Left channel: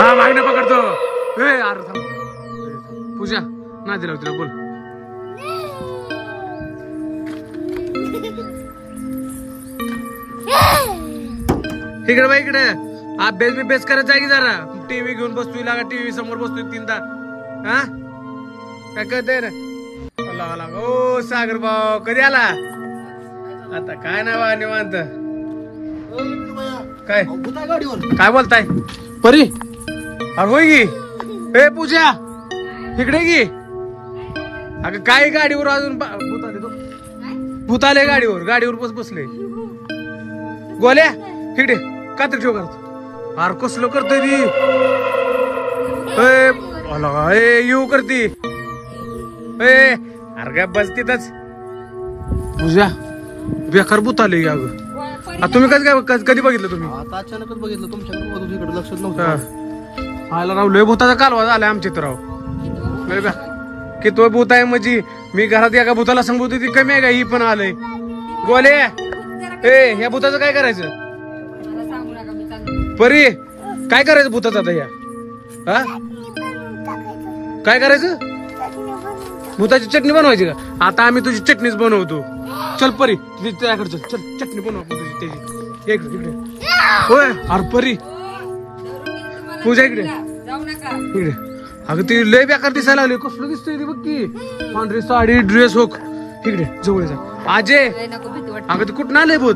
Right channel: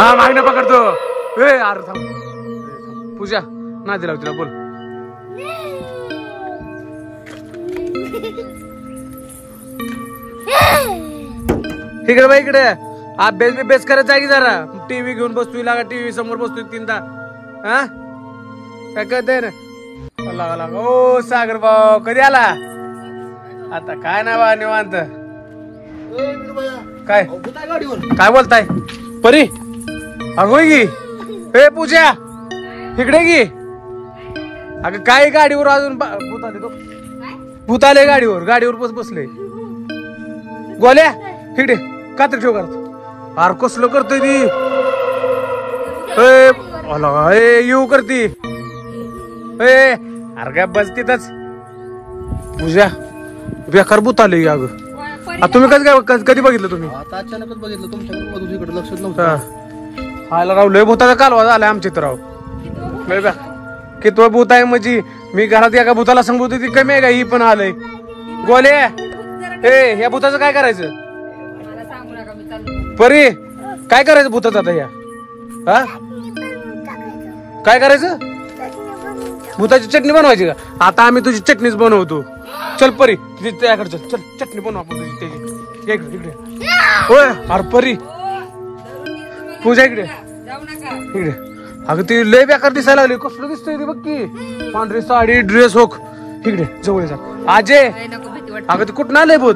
हा मागणं पकडतो. ए अरे थांब पूजा नादी लाव तिला बोल. इकडे बाई इकडे अभ्यास बिभ्यास करायचा की जरा. टीव्ही घेऊन बसतोय लागा टीव्ही समोर बसतोय तीनदा. हा काय कळतंय ना. ओ सागर भाऊ कधी आला. आता काय ना बा निवांत. काय काय बोलताय परी. अगो गी हे पूजा इकडे गी. अगं काय गाडीवर अजून भूत आले. तो भूत आले गाडीवर बसले. गोल्या इकडे कात्र ठेव करतो. अरे कसलं करतोय ती. येऊ करती. अरे काय बस तिथंच. पूजा बेकार भूत आले. अगं तुम्ही कधी बघितलं तुम्ही. अचानकच बघितलं तुमच्याकडे लक्ष नव्हतं. राव लय भूताचा कालवा झालाय आमच्या इथं राव. लय बा की तो भूत आहे म्हणजे मी घरात एका भूताला सांगतो ती कमी आहे का. ही पण आलंय. गोल्या ए ह्या भूताचं काय करायचं. परी काय करायचं भूताचं आता ह्या. हा काय करायचं. भूताची चटणी बनवायची का. आता आम्ही तुझी चटणीच बनवतो. चल परी तुझी त्याकडे चल चटणी बनवू आपण तुझी त्याची. होय अरे परी पूजा इकडे इकडे. अगं ती लय बेकार दिसायला लागली. कसलं दिसतंय ती बघ की. पांढरी साडी ड्रेस होक. इकडे जवळ जा आजे. अगं ते कुठं आलंय भूत.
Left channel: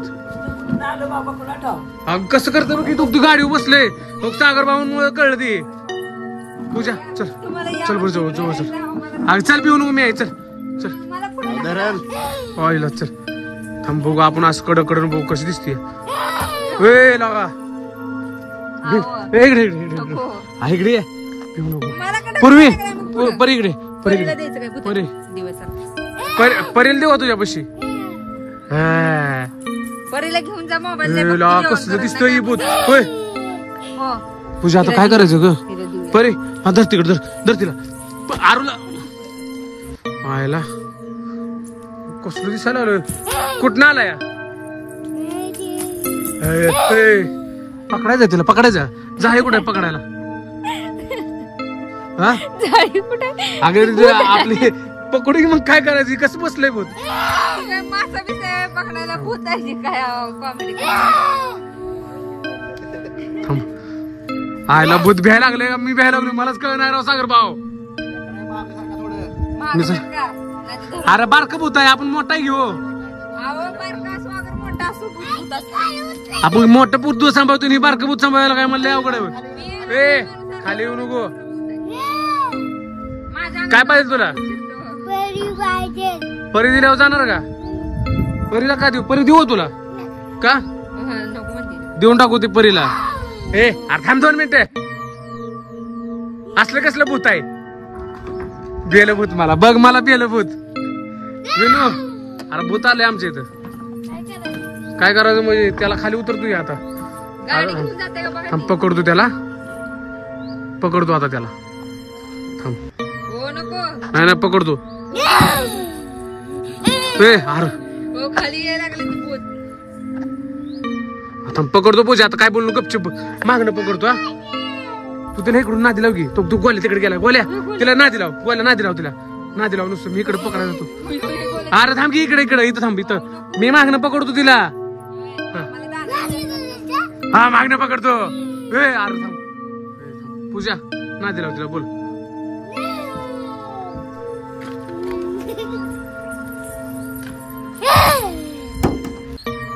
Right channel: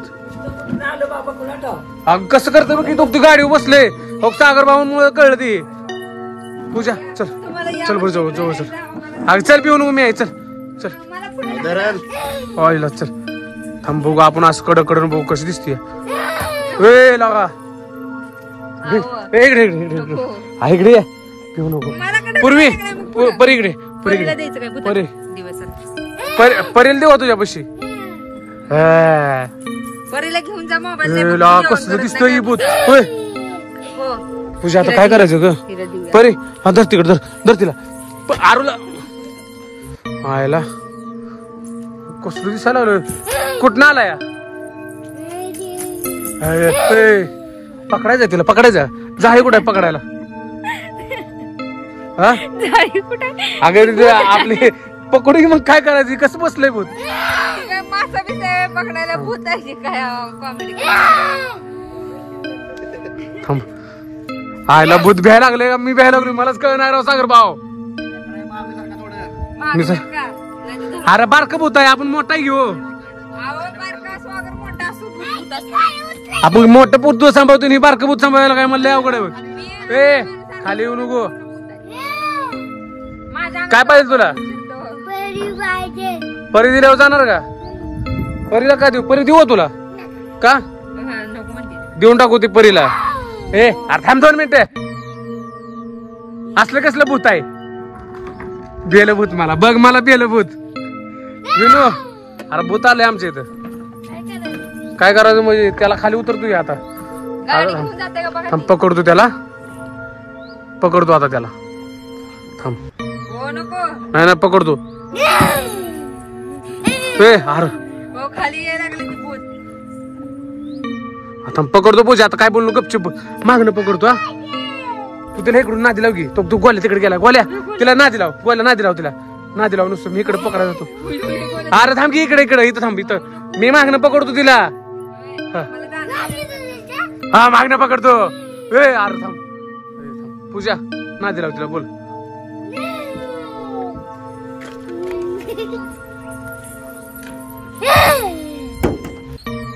अगं कसं करतं बघ की. तू गाडीवर बसले सागर भाऊन कळलं ती. पूजा चल चल बरं जवळ जवळ चल. अगं चल पिऊन मी आहे. चल चल चल थांब बघू आपण असं कडक बघू कशी दिसते. वे लागा इकडे इकडे पिऊ नको. पूर्वी परी इकडे परीला देऊ तुझ्या पशी. कसं दिसतोय भूत. होय पूजा आता काय करायचं ग. परी हा धर तिकडे धर तिला. आरूला आयला कसलं दिसायला लागलं. कुठं आलाय. पकडायचं तिला पकडायचं. जाही कुठे पकडायला. हा अगं आपली पकडू मग काय करायची. कसं बसलंय भूत. पकडायला भूत आहे काय. थांब आयला भूत भ्यायला लागले. मी भ्यायला लागलो. मलाच कळणार राव सागर भाऊ. अरे बारकं भूत आहे. आपण मोठा घेऊ. आपण मोठं भूत सांभाळतो. ही बारकं भूत सांभाळायला काय म्हणलं अवघड आहे. खाली येऊ नको. काय पाहिजे तुला. परी दिल्यावर जाणार का. परीला काय देऊ. परी देऊ तुला का. देऊन टाकू ती परीला. अरे थांब 2 मिनिटं. असलं कसलं भूत आहे. बेलं भूत मला बघ. मला बेलं भूत विनू. अरे भूत आलंय आमच्या इथं. काय करायचं म्हणजे त्याला खाली उतरतो आता. थांब पकडतो त्याला. पकडतो आता त्याला. थांब नाही पकडतो. अरे थांब पकडतो पूजा. आता काय बोललो गपचूप मागणं पकडतो. हा तू तिला इकडून नादी लाव की. तू गोल्या तिकडे गेला. गोल्या तिला नादी लाव. गोल्या नादी लाव तिला. नादी लाव नुसतं. मी इकडे पकडायला जातो. अरे थांब की इकडे इथं थांब. इथं मी मागणं पकडतो तिला. हा मागणं पकडतो. अरे थांब पूजा नादी लाव तिला बोल.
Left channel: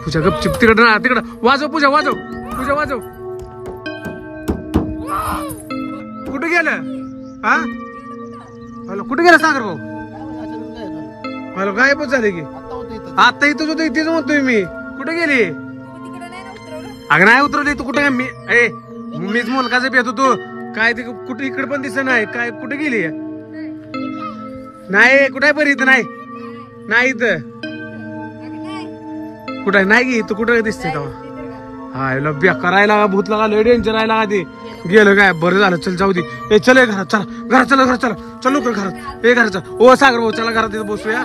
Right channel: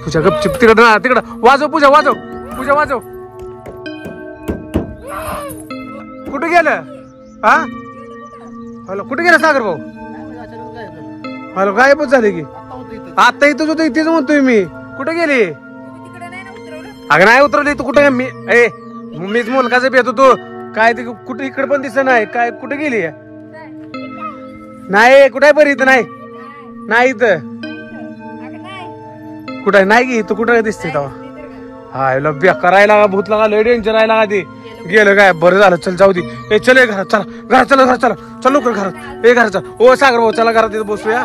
पूजा गपचिप तिकडं ना तिकडं. वाजव पूजा वाजव. पूजा वाजव. कुठे गेलं. हा हॅलो कुठे गेला सागर भाऊ. हॅलो गायबच झाली की. आता इथंच होतं. इथेच म्हणतोय मी. कुठे गेली. अगं नाही उतरवली. तू कुठे मीच मुलगाचा भेट होतो. काय ते कुठे इकडे पण दिसत नाही. काय कुठे गेली. नाही कुठे बरी इथं नाही इथं कुठे नाही गी. तू कुठे दिसते तेव्हा. हा बेकार राहायला भूत लागा. लय डेंजर राहायला का ते. गेलं काय बरं झालं. चल जाऊ दे. चल घरात चला. घरात चला. चल लवकर घरात. घरात चल. ओ सागर भाऊ चला घरात बसूया.